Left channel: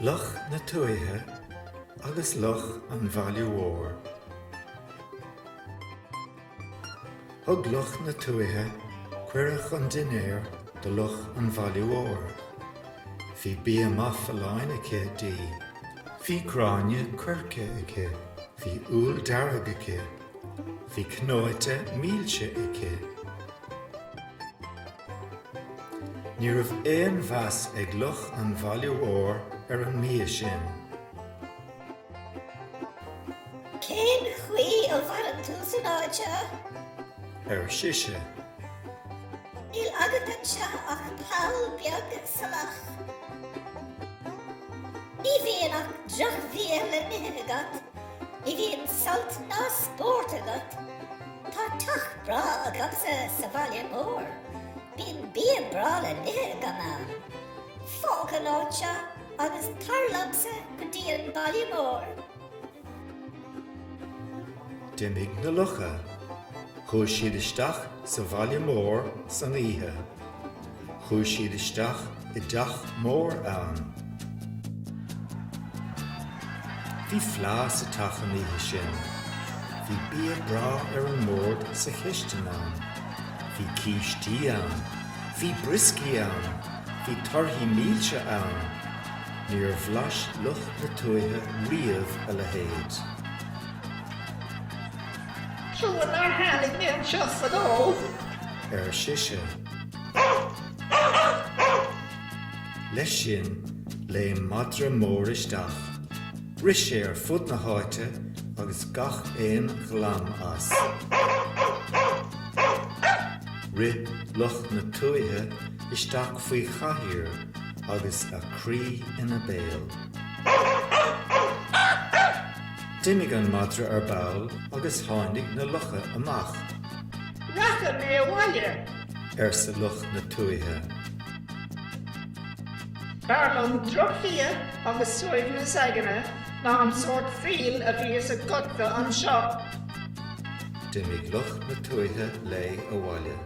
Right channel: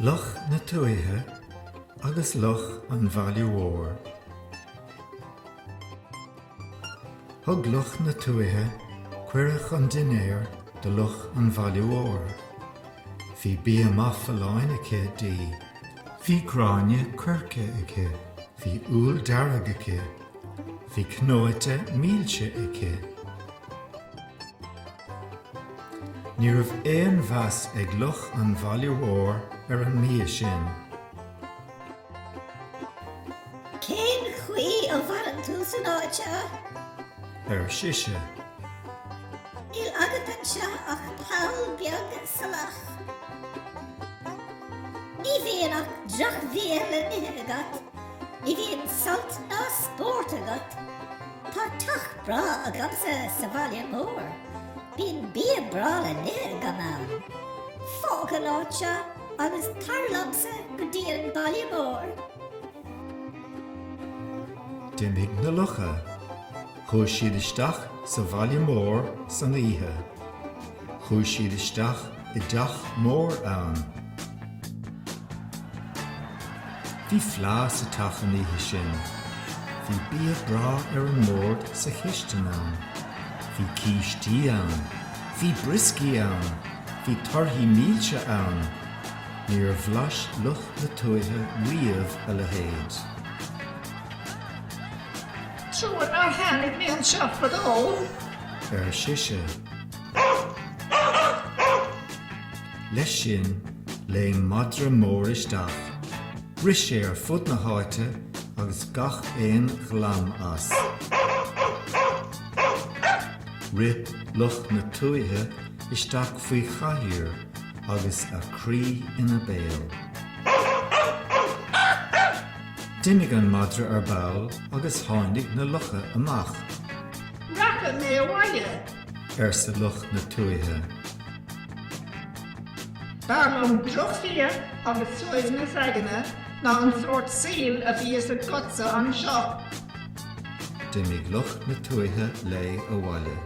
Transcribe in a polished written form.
Luch na Tuatha agus Luch an bhailiúór. Thug Luch na Tuatha cuireadh an dinéir de Luch an bhailiúór. Bhí bia maith filleáin aici dí. Bhí cráine cuirce aici. Bhí úl dearg aici. Bhí cnóite mílte aici. Ní raibh éon bheas ag Luch an bhailiúór ar an mí sin. Cén chuí ó bharan tú san áite? Ar siise. Níl agat anseo ach páil beag sa lach. Ní bhíon ach drach bhíal in agat. Ní bhíon salt ná spórt agat. Tá tach bra agam sa bhaile mór. Bhíon bia bra le nith gamán. Fág an áite agus tarlamsa go dtí an baile mór. Dimig na Lucha. Chúis siad isteach sa bhaile mór san oíche. Chúis siad isteach I dteach mór ann. Bhí phleas sa teach an oíche sin. Bhí bia bra ar an mór sa chisteann ann. Bhí cíistí ann. Bhí briscí ann. Bhí torthaí mílte ann. Níor bhlas Luch na Tuatha riamh a le héad. Siúr nar hánig mé an seo fadó. Ar siise. Leis sin, léon madra mór isteach. Ris sé ar fud na háite agus gach éon ghlam as. Ri Luch na Tuatha isteach faoi chathaoir agus a crí ina béal. Dimig an madra ar bail agus tháinig na Lucha amach. Racha mé bhaile. Ar sa Luch na Tuatha. Barlam drochfia agus suamh na sagana ná an sort síl a bhí sa cutsa an seo. Dimig Luch na Tuatha le a bhaile.